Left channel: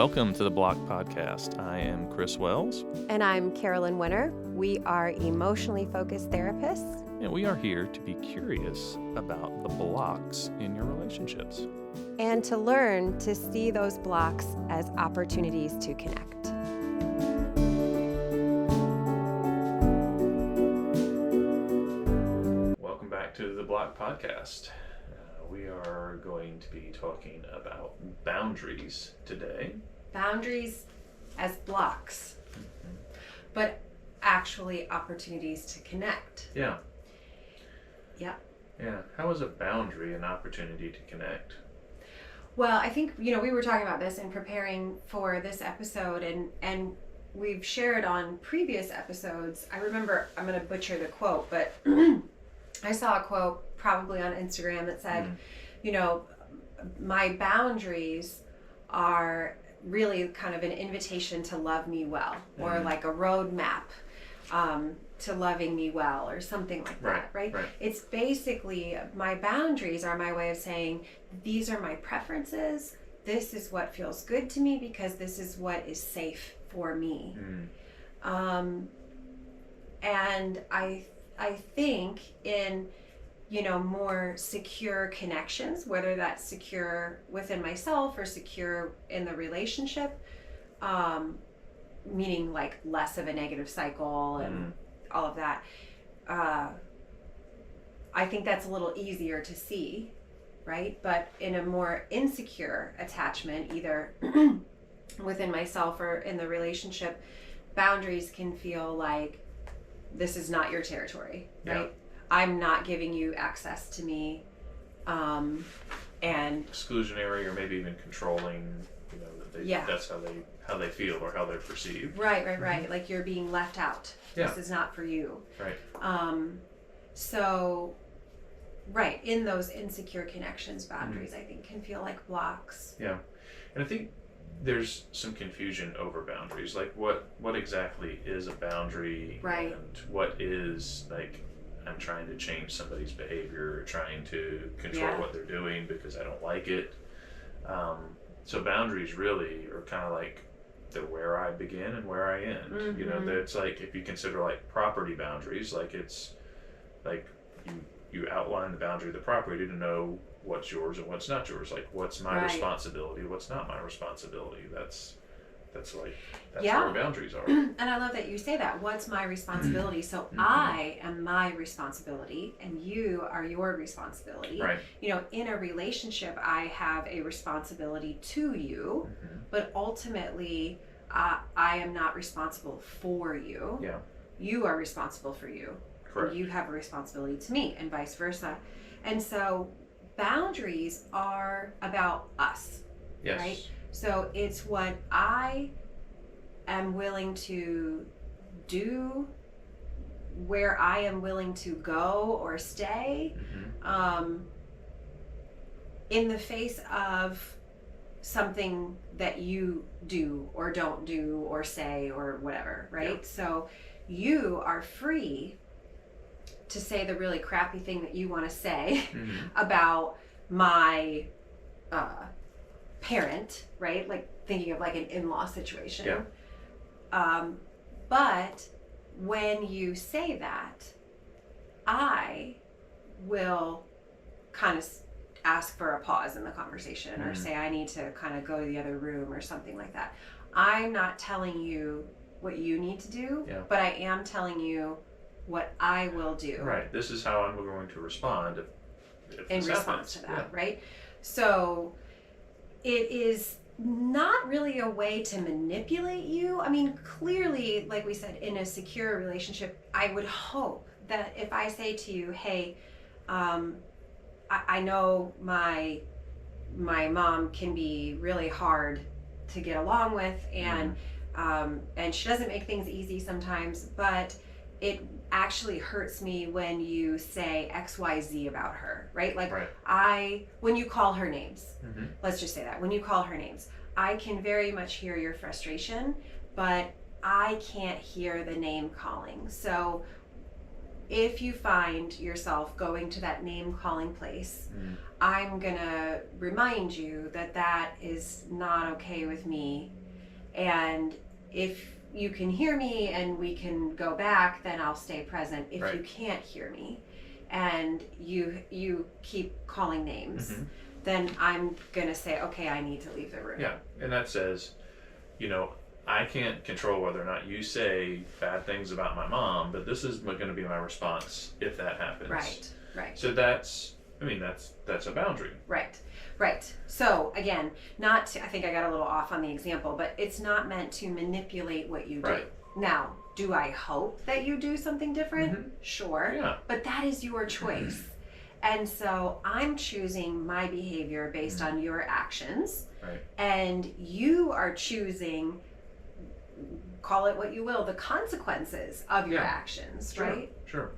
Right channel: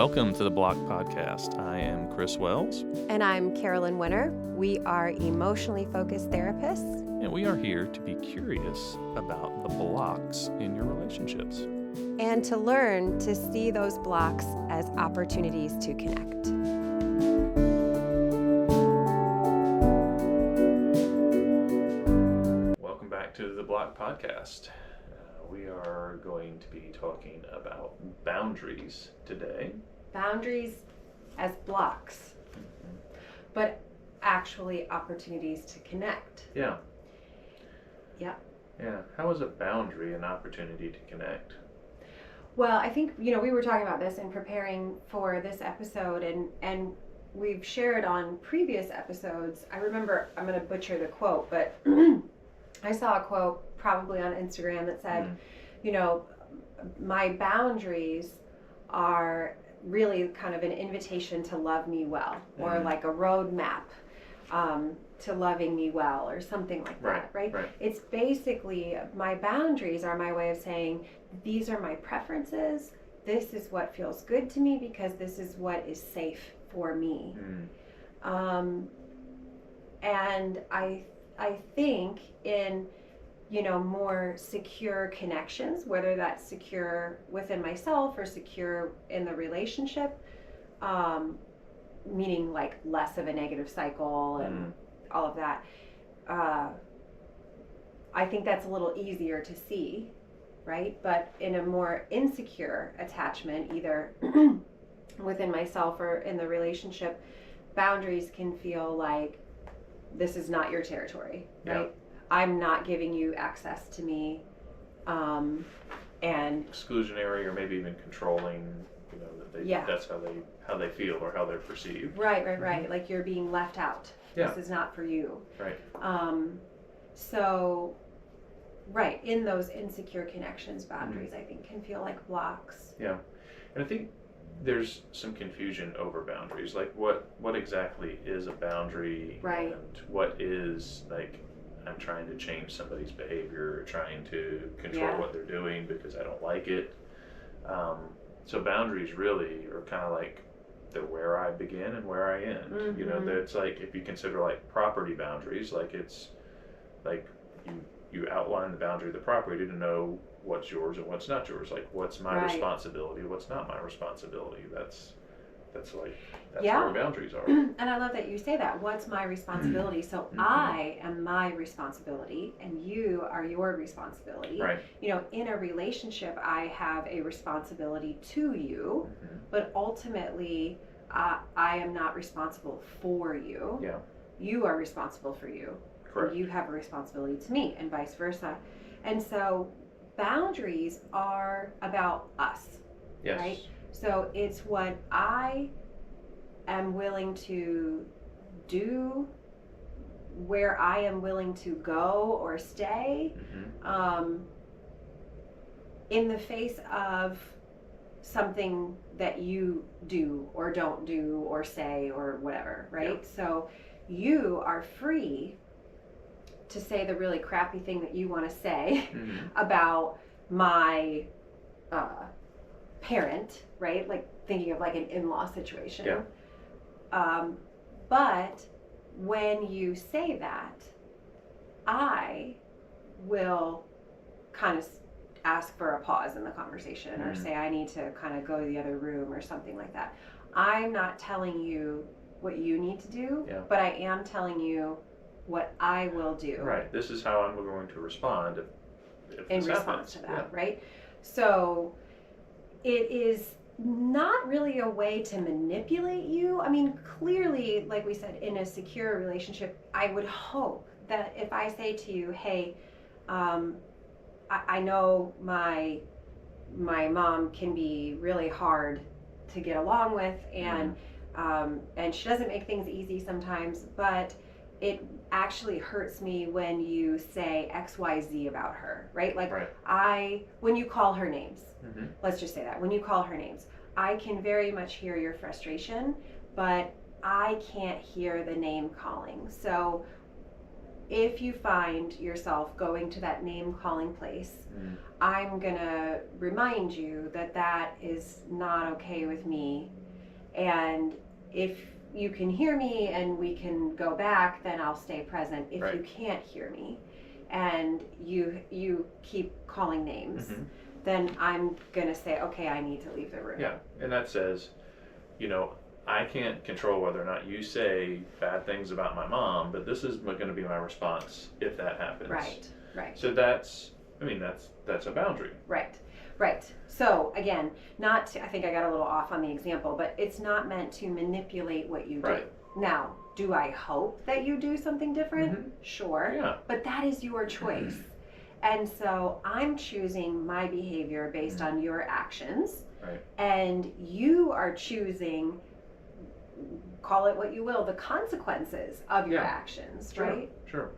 Welcome to the Block Podcast. I am Chris Wells. And I'm Carolyn Wenner. We are emotionally focused therapists. And we are here to be curious about the blocks in your relationships. And to learn to see those blocks as opportunities to connect. Welcome back to the Block Podcast. We are going to be talking about boundaries today. Boundaries as blocks, but actually opportunities to connect. Yeah. Yeah. Yeah. How is a boundary an opportunity to connect? Well, I think, we were talking about this in preparing for this episode, and we've shared on previous episodes. I remember, I'm going to butcher the quote, but I saw a quote probably on Instagram that said, my boundaries are really kind of an invitation to love me well, or like a roadmap to loving me well, or something like that, right? It's basically, my boundaries are my way of saying, these are my preferences, this is what feels good to me because this is what is safe for me. And I think in more secure connections, whether that's secure within myself or secure in the relationship, meaning like less of a negative cycle and all of that, I think that's a little easier to see, right? But in a more insecure attachment, either within myself or in the relationship, boundaries can feel like this is not your territory, right? Yeah. I'm not giving you access to me, and Exclusionary, or maybe even controlling. That's how they feel or how they're perceived. Right. Like you're being left out. Yeah. This is not for you. Right. In those insecure connections, boundaries I think can feel like blocks. Yeah, and I think there's some confusion over boundaries. Like what exactly is a boundary, right? And what is like, I'm trying to change somebody's behavior, or trying to control what they're doing because I don't like it. So boundaries really are kind of like the where I begin and where I end. That's like, if you consider like property boundaries, like it's like you outline the boundary of the property to know what's yours and what's not yours. Like what's my responsibility, what's not my responsibility. That's where boundaries are. And I love that you say that. What's my responsibility? So I am my responsibility and you are your responsibility. Right. In a relationship, I have a responsibility to you, but ultimately I am not responsible for you. Yeah. You are responsible for you. Correct. You have a responsibility to me, and vice versa. And so boundaries are about us. Yes. Right? So it's what I am willing to do, where I am willing to go or stay, in the face of something that you do or don't do or say or whatever, right? Yep. So you are free to say the really crappy thing that you want to say about my parent, right? Like thinking of like an in-law situation. Yeah. But when you say that, I will kind of ask for a pause in the conversation or say I need to kind of go to the other room or something like that. I'm not telling you what you need to do, but I am telling you what I will do. Right. This is how I'm going to respond if in this response happens. to that, right? So it is not really a way to manipulate you. I mean, clearly, like we said, in a secure relationship, I would hope that if I say to you, hey, I know my mom can be really hard to get along with, and she doesn't make things easy sometimes, but it actually hurts me when you say XYZ about her, right? Like when you call her names, let's just say that, when you call her names, I can very much hear your frustration, but I can't hear the name calling. So if you find yourself going to that name calling place, I'm gonna remind you that that is not okay with me. And if you can hear me and we can go back, then I'll stay present. If you can't hear me and you keep calling names, then I'm gonna say, okay, I need to leave the room. Yeah, and that says, you know, I can't control whether or not you say bad things about my mom, but this is going to be my response if that happens. Right. So that's a boundary. Right. So again, I think I got a little off on the example, but it's not meant to manipulate what you do. Right. Now, do I hope that you do something different? Sure. Yeah. But that is your choice. And so I'm choosing my behavior based on your actions. Right. And you are choosing, call it what you will, the consequences of your actions, right? Sure.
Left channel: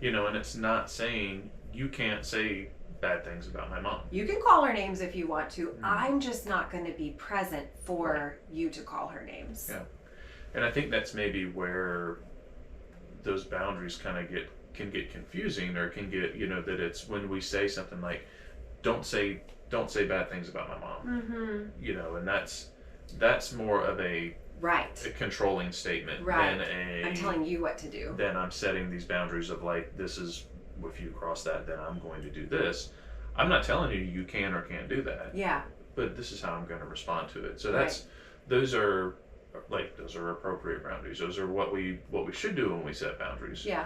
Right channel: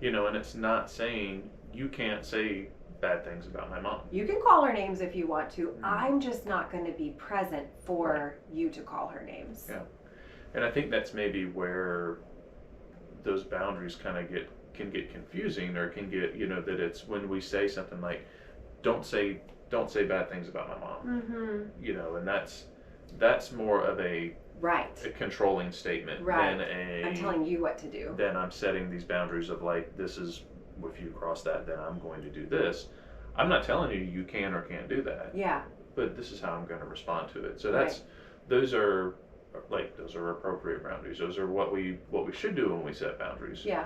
You know, and it's not saying you can't say bad things about my mom. You can call her names if you want to. I'm just not going to be present for you to call her names. Yeah. And I think that's maybe where those boundaries kind of can get confusing, or can get, you know, that it's when we say something like, don't say bad things about my mom. You know, and that's more of a controlling statement than I'm telling you what to do. Then I'm setting these boundaries of like, this is, if you cross that, then I'm going to do this. I'm not telling you you can or can't do that. Yeah. But this is how I'm going to respond to it. So those are appropriate boundaries. Those are what we should do when we set boundaries. Yeah.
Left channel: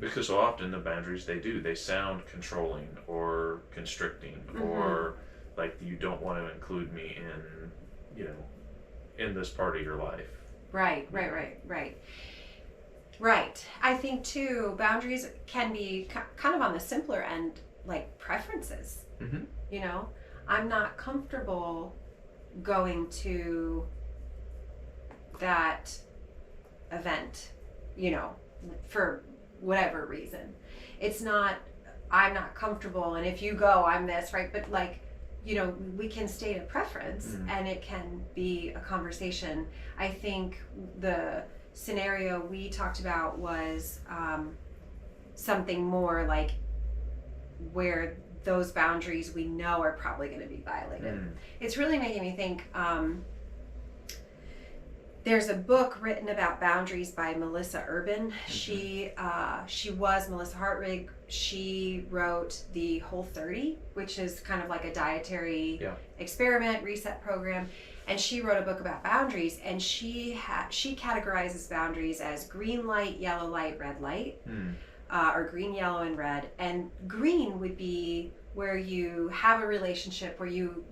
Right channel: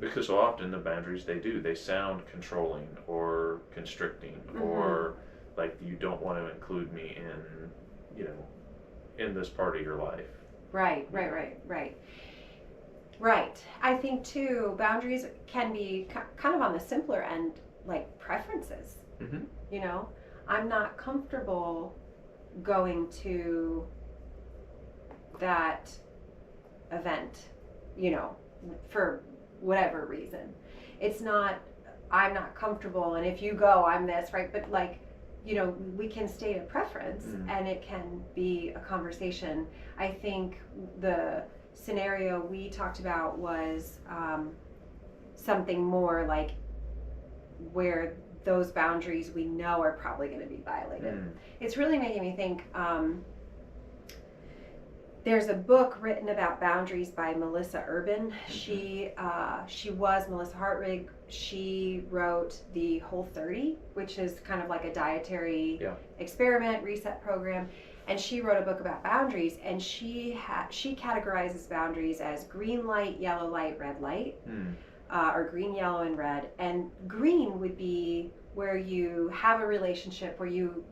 Because so often the boundaries they sound controlling or constricting, or like you don't want to include me in, you know, in this part of your life. Right. I think too, boundaries can be kind of on the simpler end, like preferences. You know, I'm not comfortable going to that event, you know, for whatever reason. It's not, I'm not comfortable, and if you go, I'm this, right? But like, you know, we can state a preference and it can be a conversation. I think the scenario we talked about was something more like where those boundaries we know are probably going to be violated. It's really making me think, there's a book written about boundaries by Melissa Urban. She was Melissa Hartwig. She wrote the Whole30, which is kind of like a dietary experiment reset program. And she wrote a book about boundaries, and she categorizes boundaries as green light, yellow light, red light, or green, yellow, and red. And green would be where you have a relationship where you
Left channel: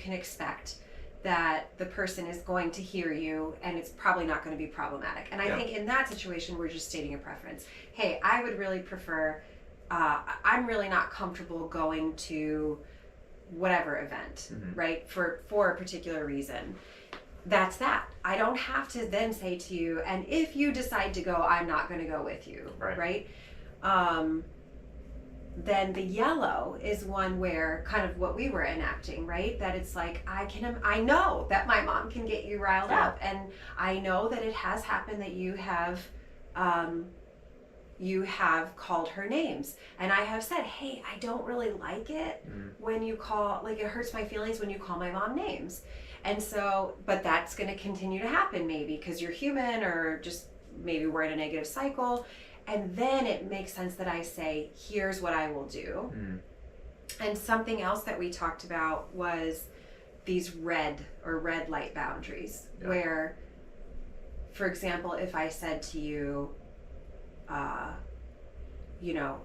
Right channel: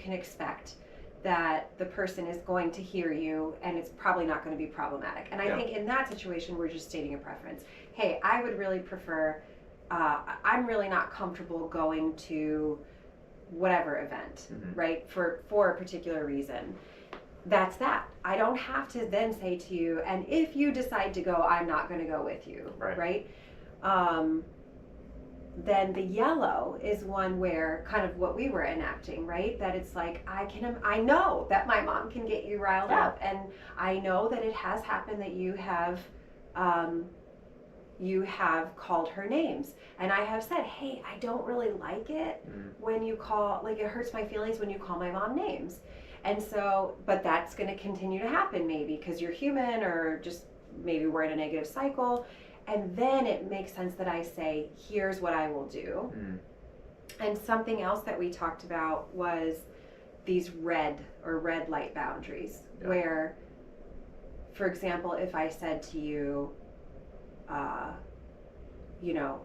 can expect that the person is going to hear you and it's probably not going to be problematic. And I think in that situation, we're just stating a preference. Hey, I would really prefer, I'm really not comfortable going to whatever event, right? For a particular reason. That's that. I don't have to then say to you, and if you decide to go, I'm not going to go with you, right? Then the yellow is one where kind of what we were enacting, right? That it's like, I know that my mom can get you riled up, and I know that it has happened that you have called her names, and I have said, hey, I don't really like it when you call, like, it hurts my feelings when you call my mom names. And so, but that's going to continue to happen maybe because you're human, or just maybe we're in a negative cycle. And then it makes sense that I say, here's what I will do. And something else that we talked about was these red light boundaries, where, for example, if I said to you, you know,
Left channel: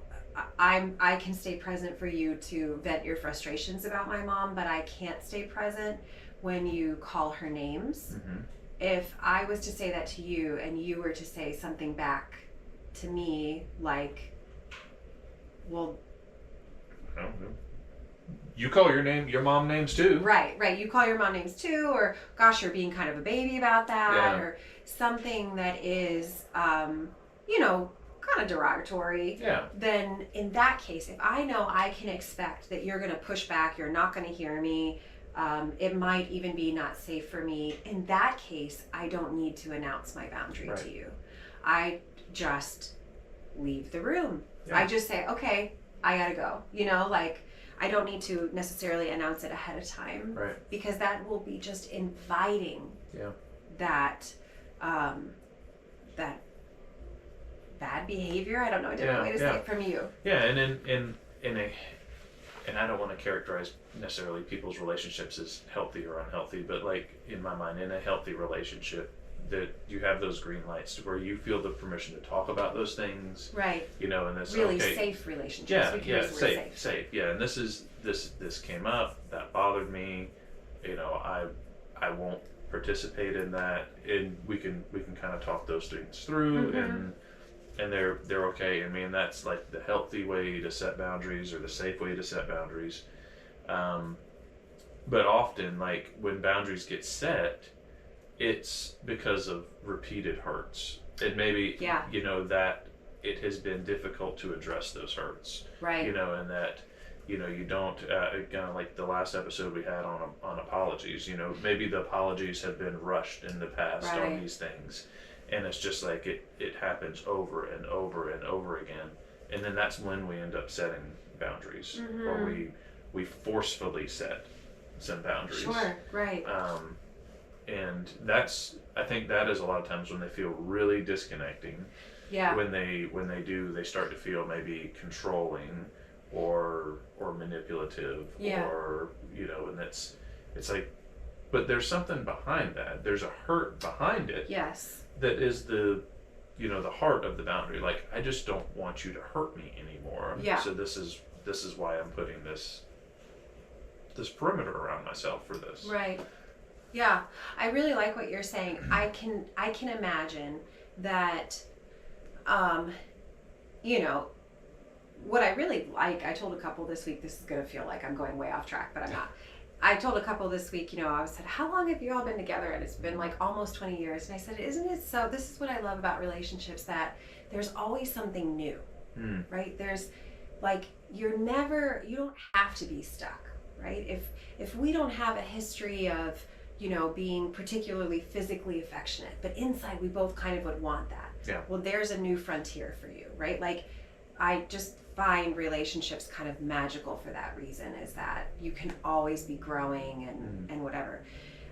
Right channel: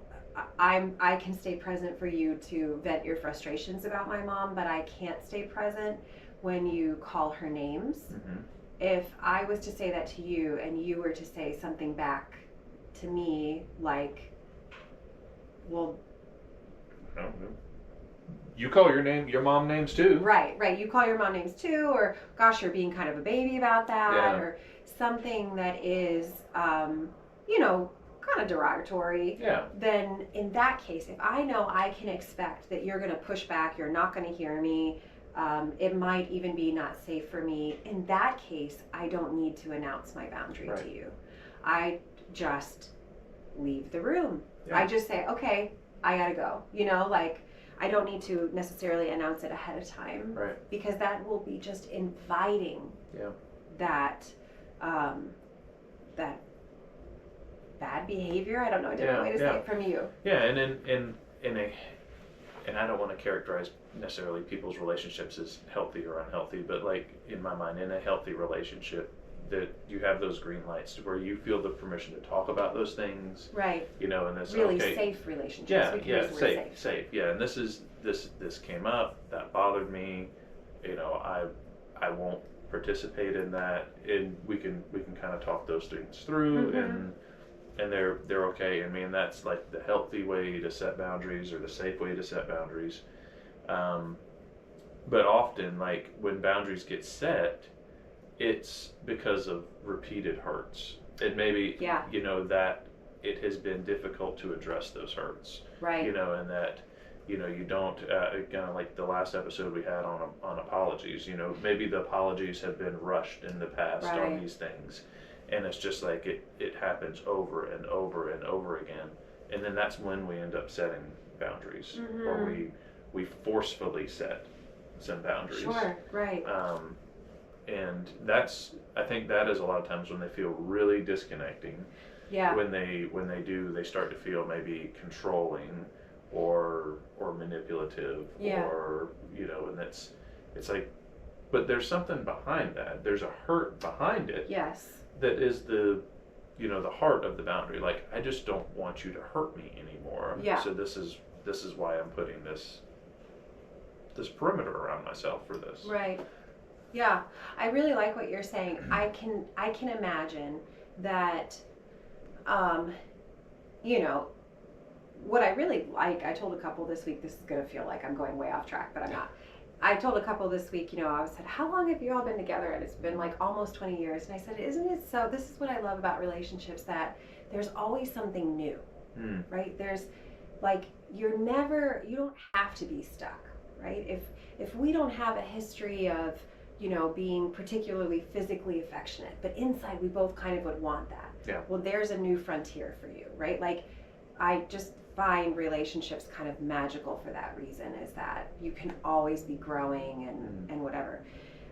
I can stay present for you to vent your frustrations about my mom, but I can't stay present when you call her names. If I was to say that to you and you were to say something back to me like, well, I don't know, you call your mom names too. Right. You call your mom names too, or gosh, you're being kind of a baby about that, or something that is, you know, kind of derogatory. Then in that case, if I know I can expect that you're going to push back, you're not going to hear me, it might even be not safe for me. In that case, I don't need to announce my boundary to you. I just leave the room. Yeah. I just say, okay, I gotta go. You know, like I don't need to necessarily announce it ahead of time, Right. because that will be just inviting that that bad behavior. I don't know a different way to say it from you. Yeah, and I don't want to characterize necessarily people's relationships as healthy or unhealthy, but like in my mind, in a healthy relationship, that you have those green lights where you feel the permission to talk about those things, right? You know, and this really safe relationships. Yeah, safe. Yeah, and this came up, that bothered me. You know, I won't participate in that, and we can kind of talk those things through, and they're okay. I mean, that's like the healthy way to set boundaries, or the safe way to set boundaries. But often, like when boundaries get set, it's because of repeated hurts. It maybe, you know, that it has been difficult to address those hurts. Right. You know, and that, you know, you don't, kind of like the last episode we had on apologies, you know, maybe the apologies have been rushed in the past on these things. And it's just like it happens over and over and over again. And then that's when we end up setting boundaries, or we forcefully set some boundaries. Sure, right. And I think that is a lot of times when they feel really disconnecting. Yeah. When they start to feel maybe controlling or manipulative, or, you know, and it's like, but there's something behind that. There's a hurt behind it. Yes. That is the heart of the boundary. Like, I just don't want you to hurt me anymore. Yeah. So this is why I'm putting this perimeter around myself for this. Right. Yeah. I really like what you're saying. I can imagine that, you know, what I really like, I told a couple this week, this is going to feel like I'm going way off track, but I'm not. I told a couple this week, you know, I said, how long have you all been together? And it's been like almost 20 years. And I said, isn't it so? This is what I love about relationships, that there's always something new, right? There's like, you don't have to be stuck, right? If we don't have a history of, you know, being particularly physically affectionate, but inside we both kind of would want that. Yeah. Well, there's a new frontier for you, right? Like, I just find relationships kind of magical for that reason, is that you can always be growing and whatever.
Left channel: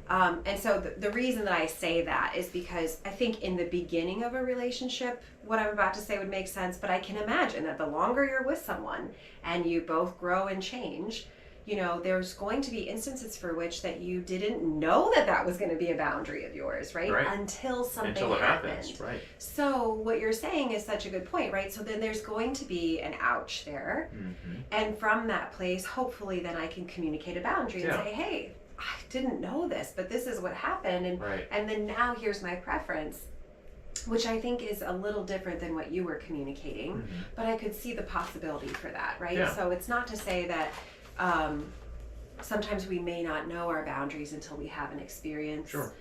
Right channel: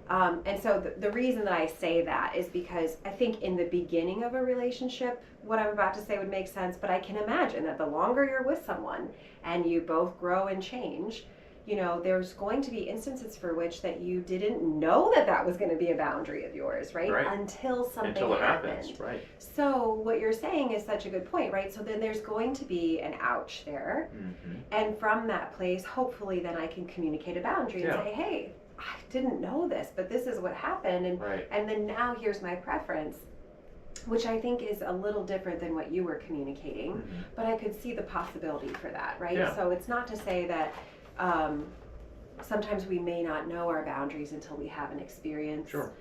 And so the reason that I say that is because I think in the beginning of a relationship, what I'm about to say would make sense, but I can imagine that the longer you're with someone and you both grow and change, you know, there's going to be instances for which that you didn't know that was going to be a boundary of yours, right? Until something happens. Right. So what you're saying is such a good point, right? So then there's going to be an ouch there. And from that place, hopefully then I can communicate a boundary and say, hey, I didn't know this, but this is what happened. And then now here's my preference, which I think is a little different than what you were communicating, but I could see the possibility for that, right? Yeah. So it's not to say that sometimes we may not know our boundaries until we have an experience. Sure.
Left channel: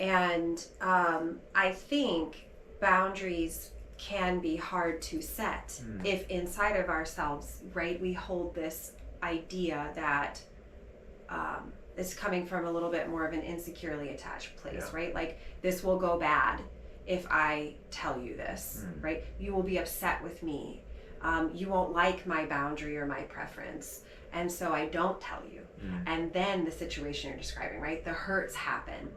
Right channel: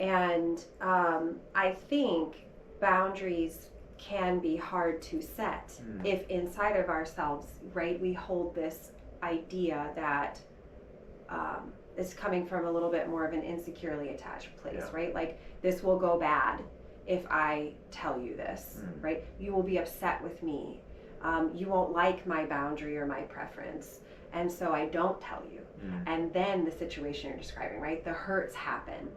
And I think boundaries can be hard to set if inside of ourselves, right, we hold this idea that is coming from a little bit more of an insecurely attached place, right? Like, this will go bad if I tell you this, right? You will be upset with me. You won't like my boundary or my preference. And so I don't tell you. And then the situation you're describing, right? The hurts happen.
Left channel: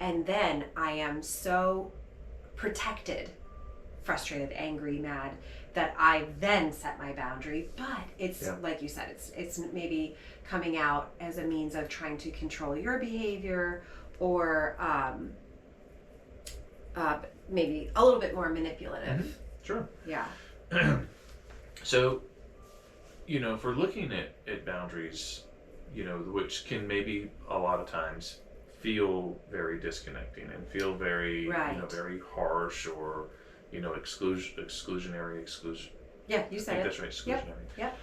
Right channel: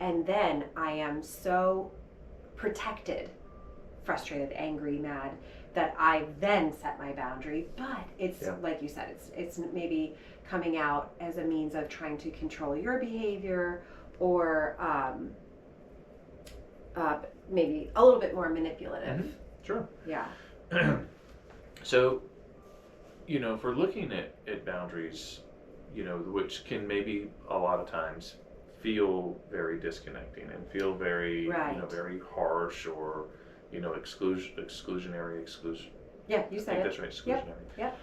And then I am so protected, frustrated, angry, mad, that I then set my boundary. But it's like you said, it's maybe coming out as a means of trying to control your behavior, or maybe a little bit more manipulative. Sure. Yeah. So, you know, if we're looking at boundaries, you know, which can maybe a lot of times feel very disconnecting and feel very, you know, very harsh, or, you know, exclusionary. Yeah, you said it. That's right, exclusionary. Yep.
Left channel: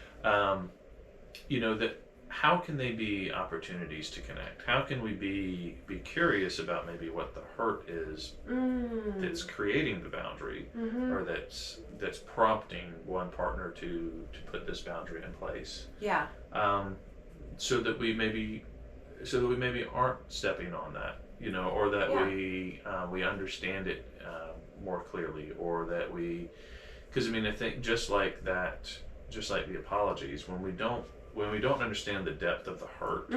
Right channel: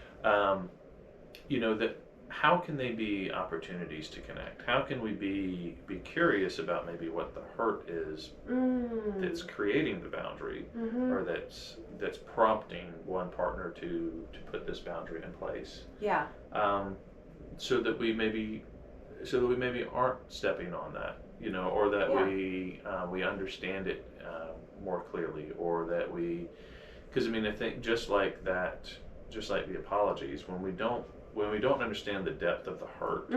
You know, that how can they be opportunities to connect? How can we be curious about maybe what the hurt is that's creating the boundary, or that's prompting one partner to put this boundary in place? Yeah. So that we maybe aren't stepping on that, you know, or that we understand it more clearly, or that we, Because I mean, I think just like that, just like the apologies, when we don't understand the depth of the hurt,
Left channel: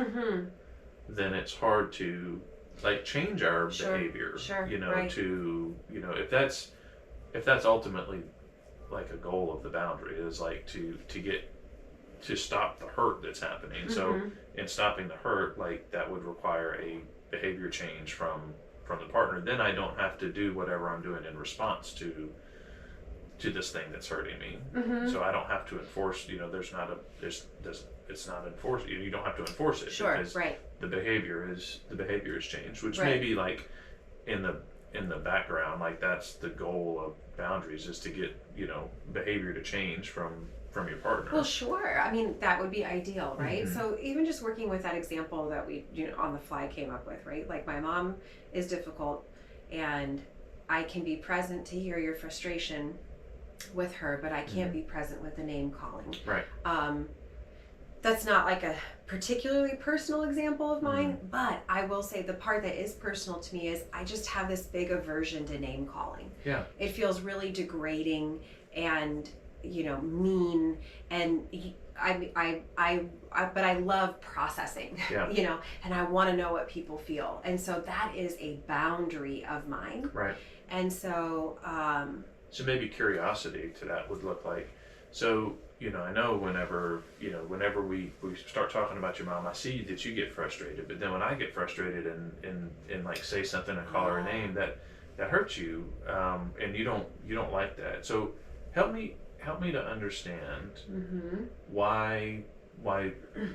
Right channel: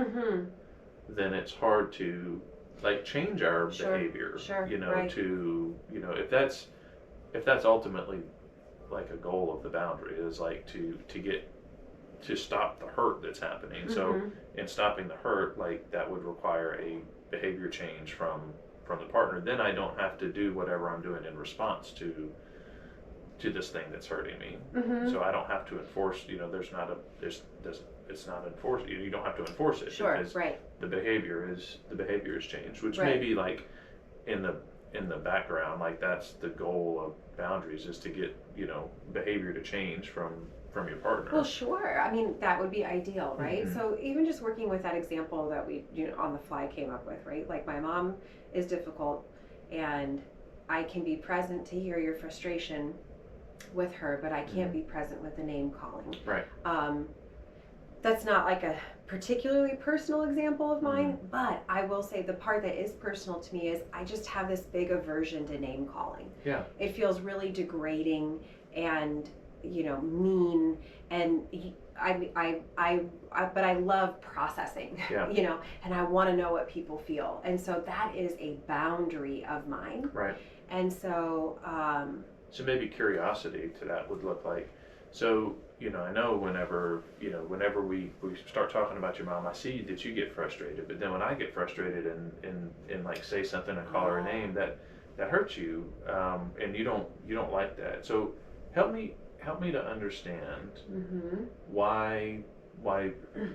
then it's hard to like change our behavior. You know, right. to if that's ultimately like a goal of the boundary is like to get to stop the hurt that's happening. So in stopping the hurt, like that would require a behavior change from the partner. Then I don't have to do whatever I'm doing in response to this thing that's hurting me. So I don't have to enforce. It's not enforced. You don't have to enforce it. Because the behavior is changed, which may be like in the background, like that's the goal of boundaries, is to get behavior to change from your partner. Well, sure. I mean, that would be ideal, right? So even just working with that example that we on the fly came up with, right? Like my mom is difficult, and I can be present to hear your frustration with her, but I can't be present with the name calling. Right. That's not like a particularly personal example of mine, but I will say the part that is personal to me is I just have this big aversion to name calling. Yeah. It feels really degrading and mean, and but I love processing. And I want to know what people feel, and so that is a boundary of mine. Right. And so so maybe curiosity to that would look like, so I know whenever we start talking about your mom, I see that you get frustrated, but then when I get frustrated and like say something and call her a name that hurts you, and you don't like that. So help me to understand why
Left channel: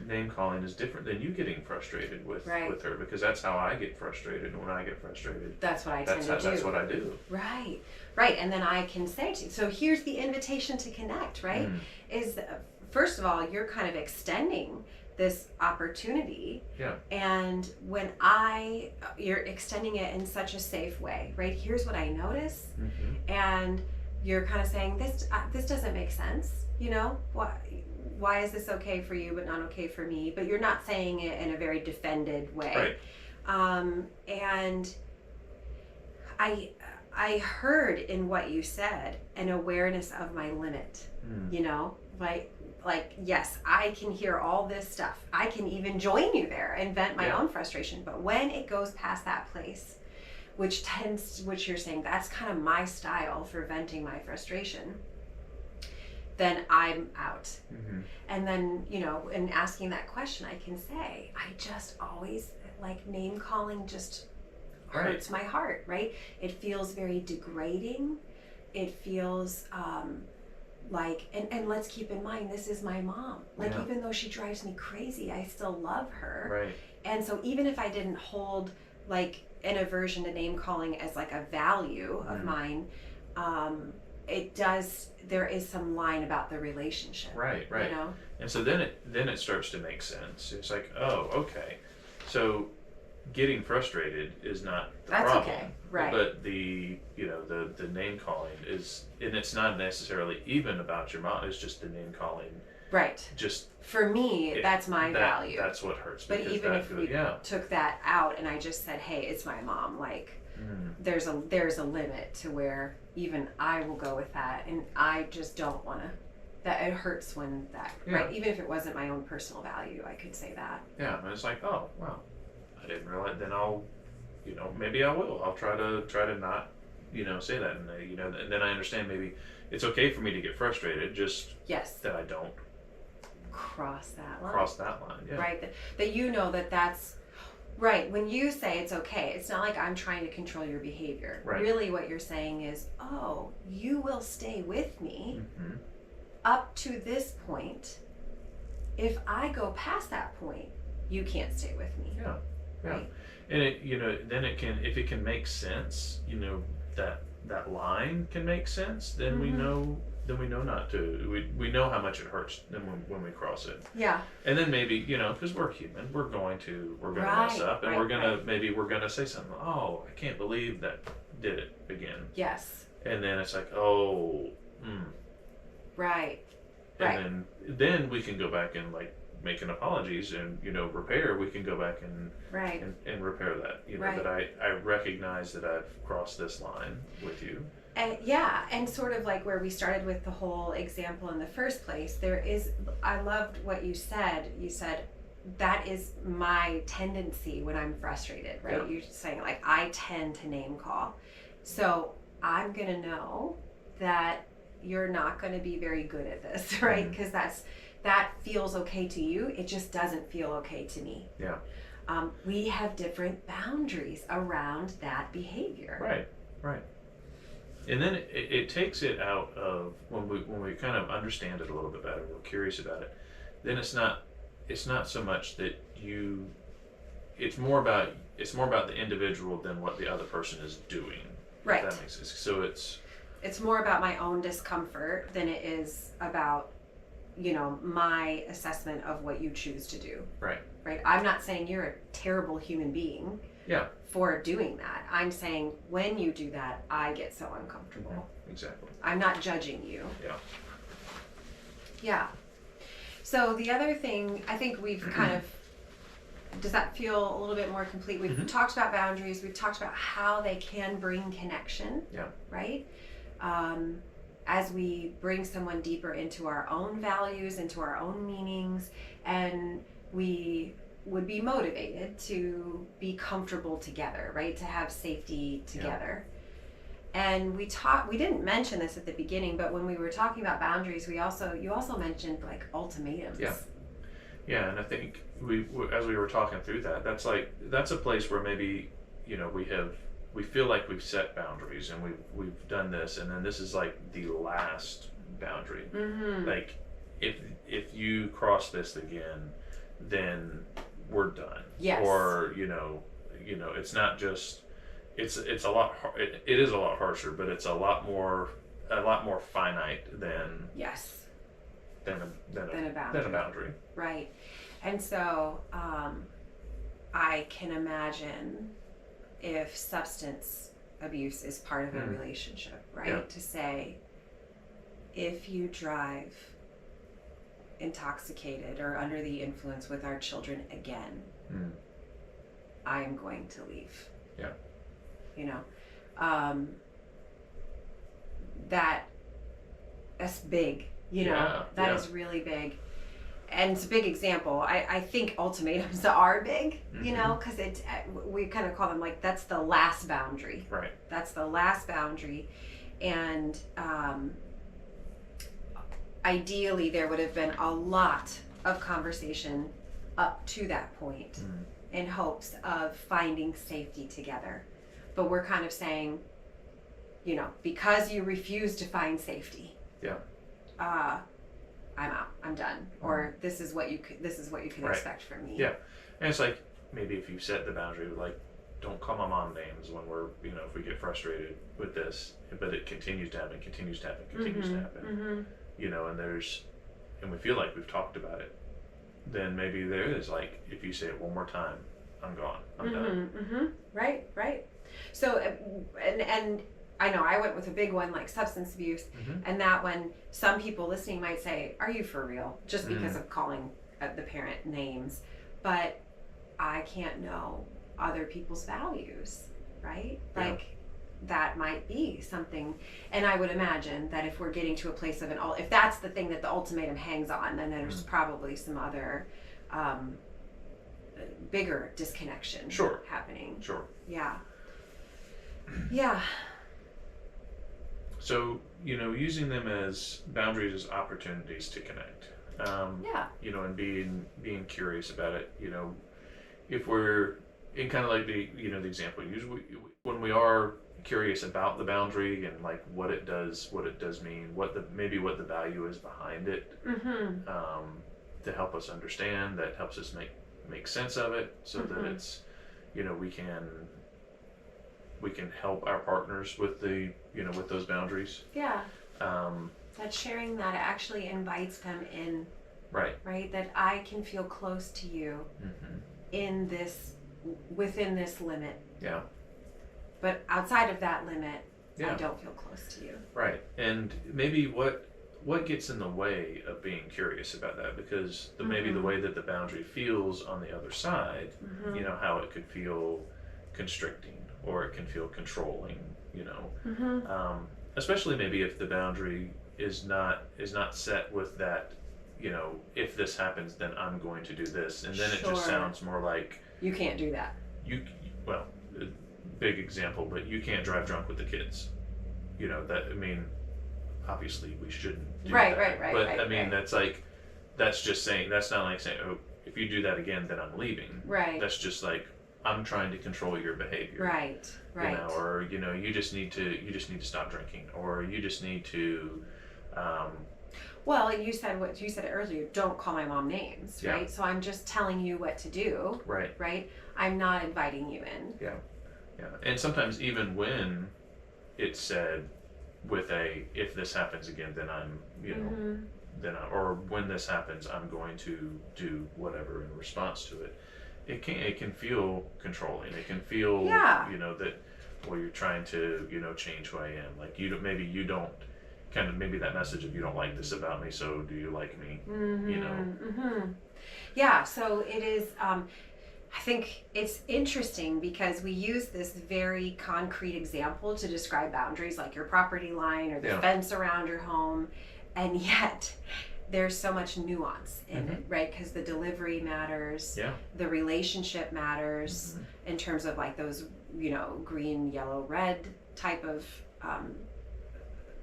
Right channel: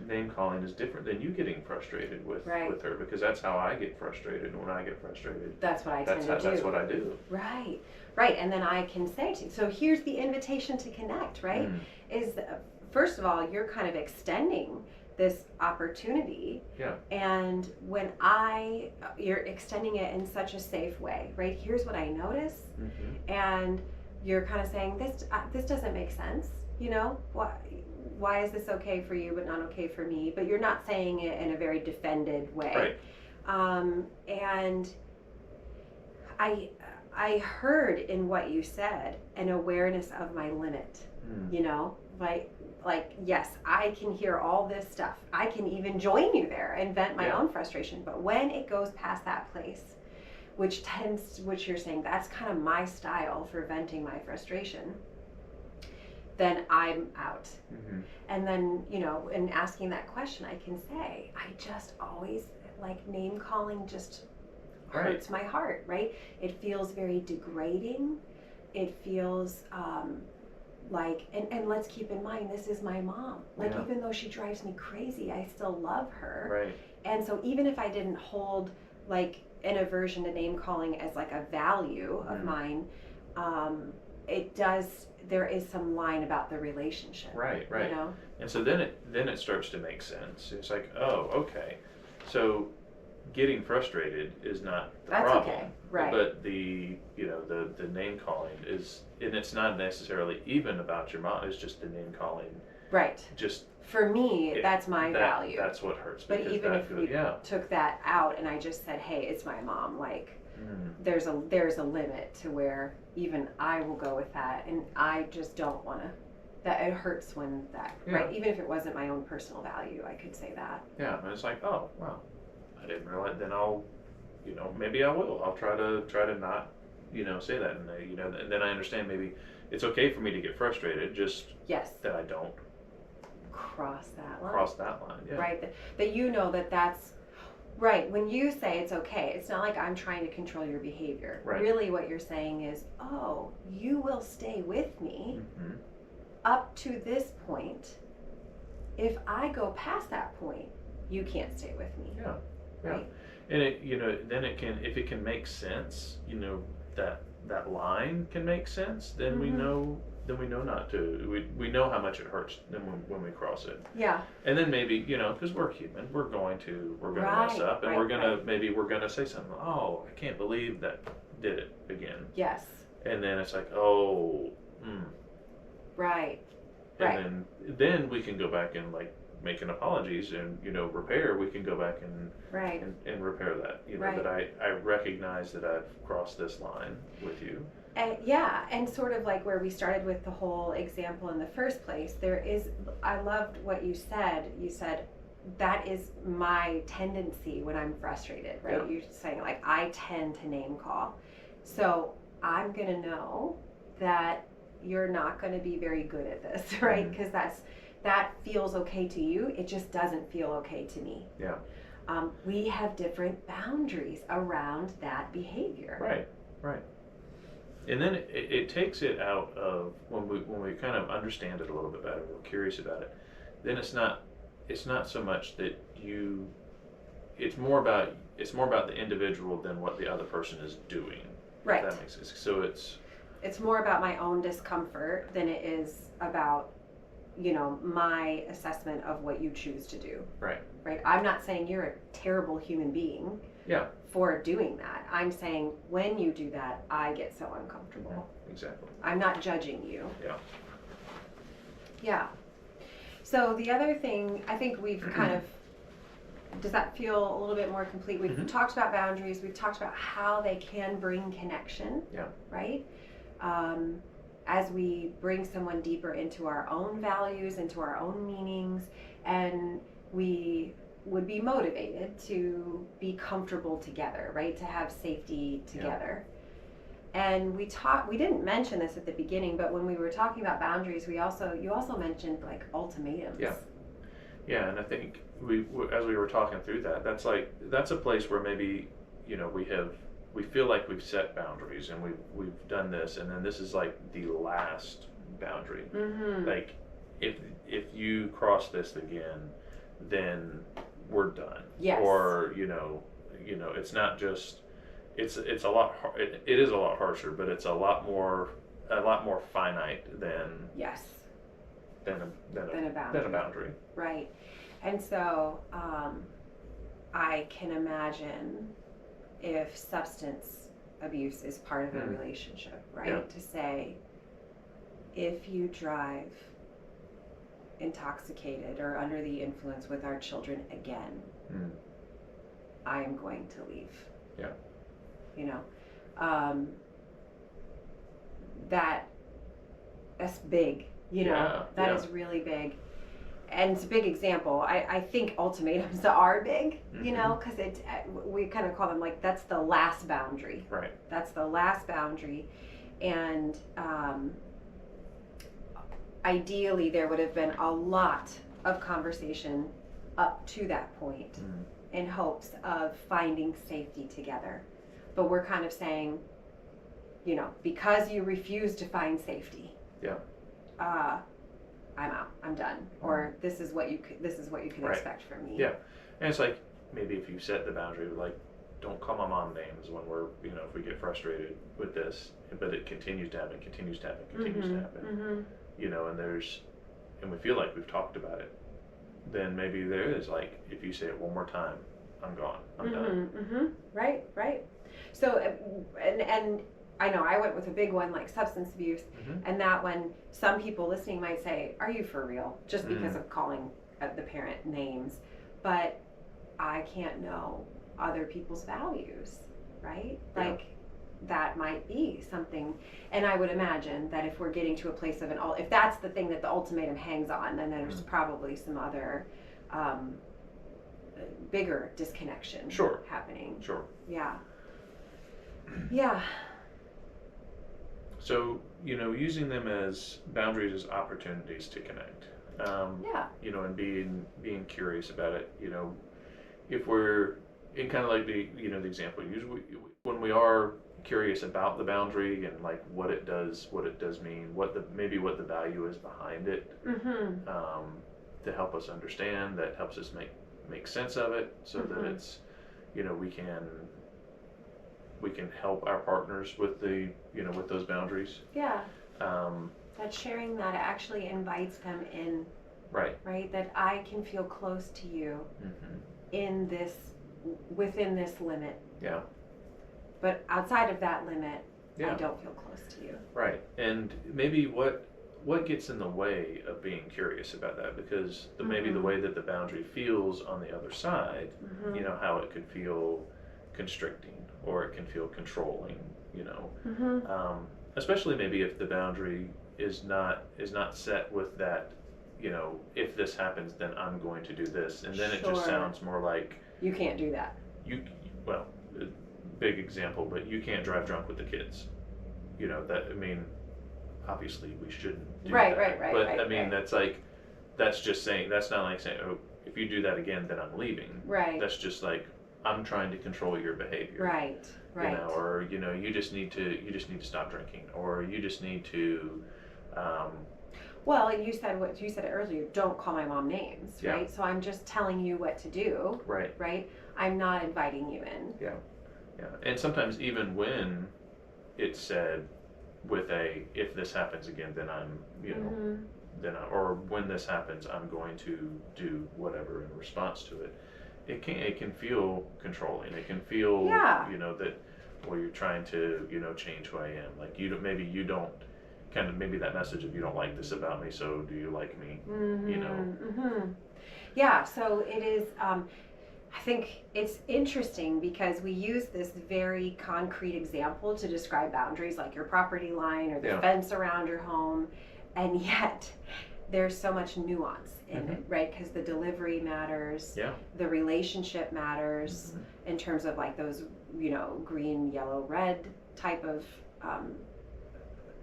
name calling is different than you getting frustrated with her, because that's how I get frustrated. And when I get frustrated, that's what I tend to do. That's what I do. Right. And then I can say to you, so here's the invitation to connect, right? Is first of all, you're kind of extending this opportunity. Yeah. And when you're extending it in such a safe way, right? Here's what I notice. And you're kind of saying, this doesn't make sense. Why is this okay for you but not okay for me? But you're not saying it in a very defended way. Right. And I heard in what you said an awareness of my limit. Like yes, I can hear all this stuff. I can even join you there and vent my own frustration. But when it goes past that place, which you're saying, that's kind of my style for venting my frustration, then I'm out. And then, in asking that question, I can say, I just always, like, name calling just hurts my heart, right? It feels very degrading. It feels like, and let's keep in mind, this is my mom. Like, even though she drives me crazy, I still love her. Right. And so even if I didn't hold, like, an aversion to name calling as like a value of mine, there is some line about the relationship. Right. And so then it starts to make sense. It's like, oh, okay. So getting frustrated is not the problem. Okay. Right. But the name calling is, and it's not necessarily even about your mom, it's just the name calling. Right. Just for me, that's my value. That's what hurts. But even if we took that out and I just said, hey, it's my mom, like there's a limit to where even I will go with that, and I just don't want to. That it hurts when that right. Even if it wasn't my own personal value, I could say that. Yeah, and it's like, oh wow, I didn't realize. Then I'll, maybe I will. I'll try to not, say that, and and then I understand maybe it's okay for me to get frustrated, just that I don't cross that line. Yeah. Right. That that's right. When you say it's okay, it's not like I'm trying to control your behavior. Right. Really what you're saying is, oh, you will stay with me up to this point. If I go past that point, you can't stay with me. Yeah. Right. And it, then it can, if it can make sense, that line can make sense, then we know not to. We know how much it hurts when we cross it. Yeah. And then maybe, because we're human, we're going to mess up, and we're gonna say something. Oh, I can't believe that did it again. Yes. And then it's like, oh, Right. And then we can go back and like making apologies and, repair, we can go back and right. and repair that. Right. That I recognize that I've crossed this line with you. Yeah, and sort of like where we started with the whole example in the first place, I loved what you said. You said, that is my tendency when I'm frustrated, right? Yeah. You're saying, like, I tend to name call. So I'm going to know that you're not going to be very good at this, right? Because that feels okay to you. It just doesn't feel okay to me. Yeah. We have different boundaries around that behavior. Right. And then it takes it out of when we kind of understand it a little bit better, we're curious about it. Then it's not so much that it's more about the individual than what the other person is doing. Right. If that makes sense. So it's more about my own discomfort than it is about, my assessment of what you choose to do. Right. I'm not saying you're a terrible human being. Yeah. For doing that. I'm saying when you do that, I get so uncomfortable. Mm-hmm. Exactly. I'm not judging you. Yeah. Yeah. So the other thing, I think we've kind of, does that feel a little bit more complete? We've talked about boundaries. We've talked about how they can bring connection. Yeah. Right? As we bring someone deeper into our own values, into our own meanings, and we would be motivated to be comfortable together, right? To have safety together. Yeah. And we didn't mention this at the beginning, but when we were talking about boundaries, you also mentioned like ultimatums. Yeah. Yeah, and I think as we were talking through that, that's a place where maybe, we feel like we've set boundaries and we've done this, and then this is like the last boundary. Mm-hmm. Like if you cross this again, then we're done. Yes. Or it's not just it's a lot it is a lot harsher, but it's a lot more finite than a boundary. Right. And so I can imagine if substance abuse is part of a relationship, right? Yeah. To say, if you drive intoxicated or under the influence with our children again, I am going to leave. Yeah. That's big, that is really big. And it's a big example. I think ultimatums are big, because we kind of call them like, that's the last boundary. Right. That's the last boundary. And ideally there would have been a lot of conversation up to that point in hopes of finding safety together. But we're kind of saying, because you refuse to find safety, I'm out. I'm done. Or this is what you can expect from me. Yeah. And it's like, maybe if you set the boundary, like, don't call my mom names when we're, if we get frustrated with this, but it continues to happen, continues to happen. Mm-hmm. And we feel like we've talked about it, then maybe there is, like, if you say it one more time, I'm gone. I'm done. Mm-hmm. Right. So, and I know I went with a big one like substance abuse, and that one, some people listening might say, are you for real? Just because of calling the parent names. But I can't know other people's values, right? Yeah. Like, that might be something. And I would imagine that if we're getting to a place of if that's the thing that the ultimatum hangs on, then there's probably some other bigger disconnection happening. Sure. Yeah. Yeah. So, using them as boundaries as opportunities to connect. And being curious about it. If we're in kind of like the example you use, when we are curious about the boundary and like what it does mean, what the value is behind it, to help us understand, that helps us make sense of it, so that it's, we can help our partners with with those boundaries. Yeah. That sharing that actually invites them in. Right. Right. That I can feel close to you within this limit. Yeah. But outside of that limit, I don't feel close to you. Right. And maybe what what gets in the way of being curious about that? Because maybe the way that the boundary feels on the other side, you know, how it could feel constricting or it can feel controlling, you know, especially maybe if the boundary is not set with that, you know, if this happens, then I'm going to do this, and then it just sounds more like you can't do that. Well, big example, but you can't drive drunk with the kids. You know, that, I mean, obviously we shouldn't do that. Right. But I mean, that's just saying, that's not like saying, oh, if you do that again, then I'm leaving. Right. That's just like, I'm trying to control your behavior. Right. You know, or, you know, you just need to stop drinking, or you just need to, well, you said what you said earlier, don't call my mom names, right? So I'm just telling you what to do. Right. I'm not inviting you in. Yeah. And sometimes even when it's said with a, if this happens again, then I'm, you know, or when this happens, I'm going to do whatever in response to it. It can feel controlling. It can feel, you know, that, well, you're trying to, you know, change who I am. Like maybe that message of, you don't like this about me, so do you like me? You know? Yeah. So it is. I think it's interesting because we use this very concrete example to describe boundaries, like your property line or the fence around your home, and yet there's so much nuance in it, right? Because the delivery matters, the relationship matters in terms of like those, you know, green, yellow, red type of,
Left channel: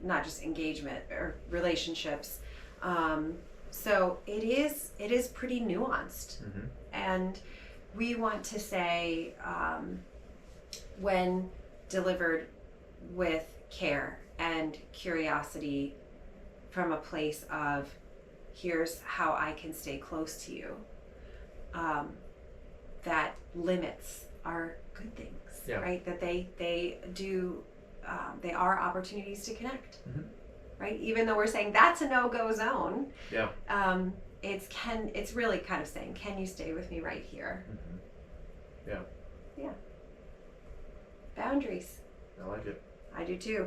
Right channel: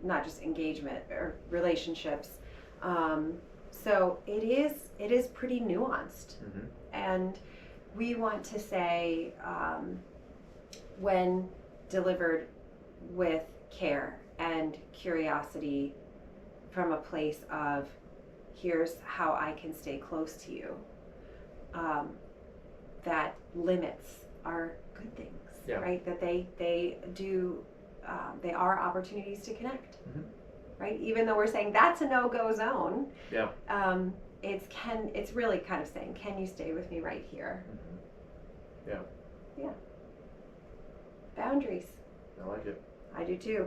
not just engagement or relationships. So it is pretty nuanced, and we want to say, when delivered with care and curiosity from a place of, here's how I can stay close to you, that limits are good things, right? That they do, they are opportunities to connect, right? Even though we're saying that's a no-go zone, it's really kind of saying, can you stay with me right here? Yeah. Boundaries. I like it. I do too.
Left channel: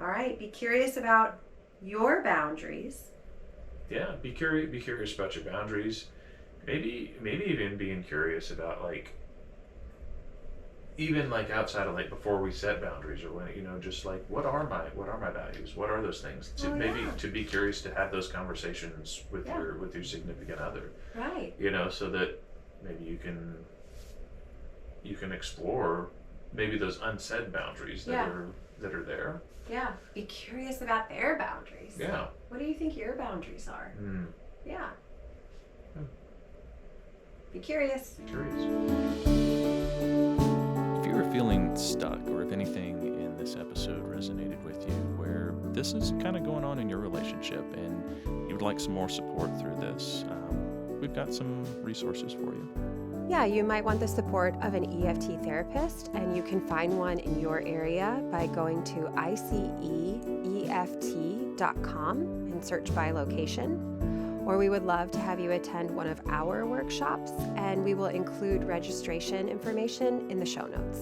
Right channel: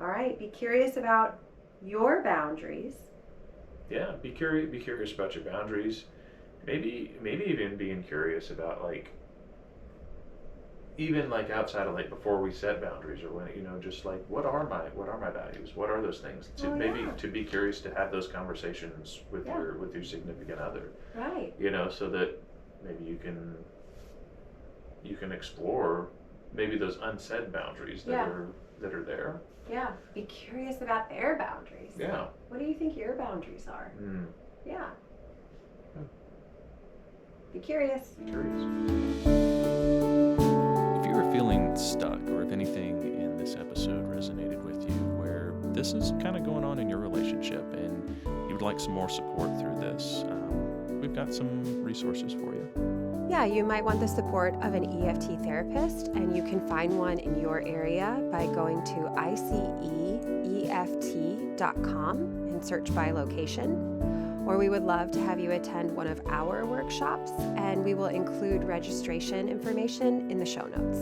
All right. Be curious about your boundaries. Yeah. Be curious about your boundaries. Maybe even being curious about, like, even like outside of, like, before we set boundaries, or when, you know, just like, what are my values? What are those things? To be curious, to have those conversations with your significant other. Right. You know, so that maybe you can explore maybe those unsaid boundaries that are there. Yeah. Be curious about their boundaries. Yeah. What do you think your boundaries are? Yeah. Be curious. If you were feeling stuck, or if anything in this episode resonated with you, where this is kind of going on in your relationship and you would like some more support through this, we've got some resources for you. Yeah, you might want the support of an EFT therapist, and you can find one in your area by going to iceeft.com and search by location. Or we would love to have you attend one of our workshops, and we will include registration information in the show notes.